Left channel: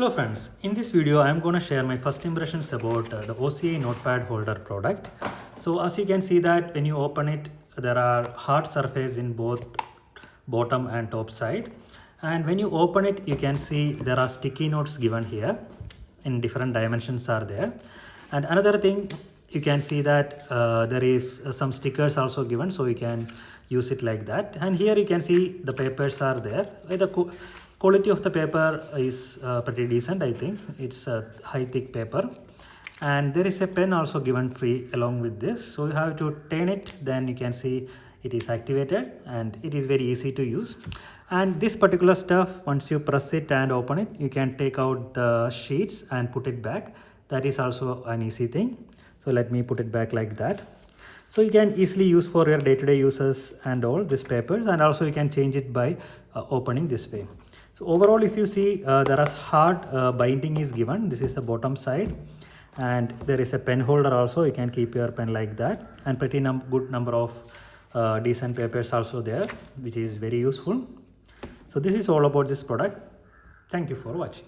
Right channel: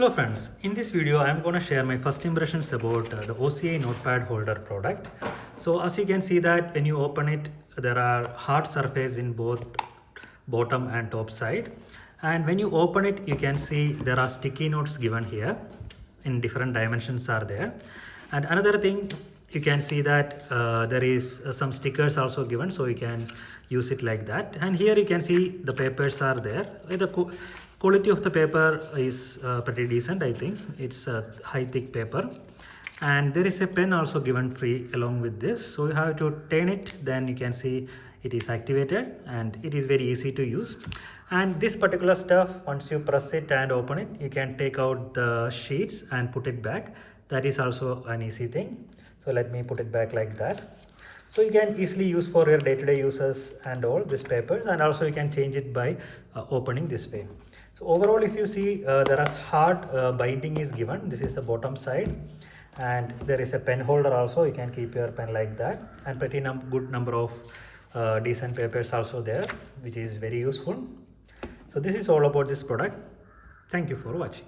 Hello friends, in this video I'm going to share my first impressions about the OCI notepad holder product. So as you can see that when you open it, there are hard surface in both bottom and top side, and when you open it you can see there are sticky notes given here in different dimensions are there. And another thing, you can see that there is some stickers also given, so you can use it like that. And here you can see the papers are there. The quality of the paper is pretty decent. I think it's a high thick paper, and there is a pen also given free along with this, so you have to turn it, then you can see it is activated and it is very easy to use. And this particular stuff, once you press it and open it, you can take out the sheets and put it back. That is also an easy thing. So let me put it back like that. So you can easily use for your day-to-day uses and all these papers, and also you can change it by opening this way. So overall, if you see, there is hard binding is given. This is the bottom side, and there is a pen holder also. You can keep your pen like that, and pretty good number of decent papers also there, which is very useful. So this is all about this product. Thank you for watching.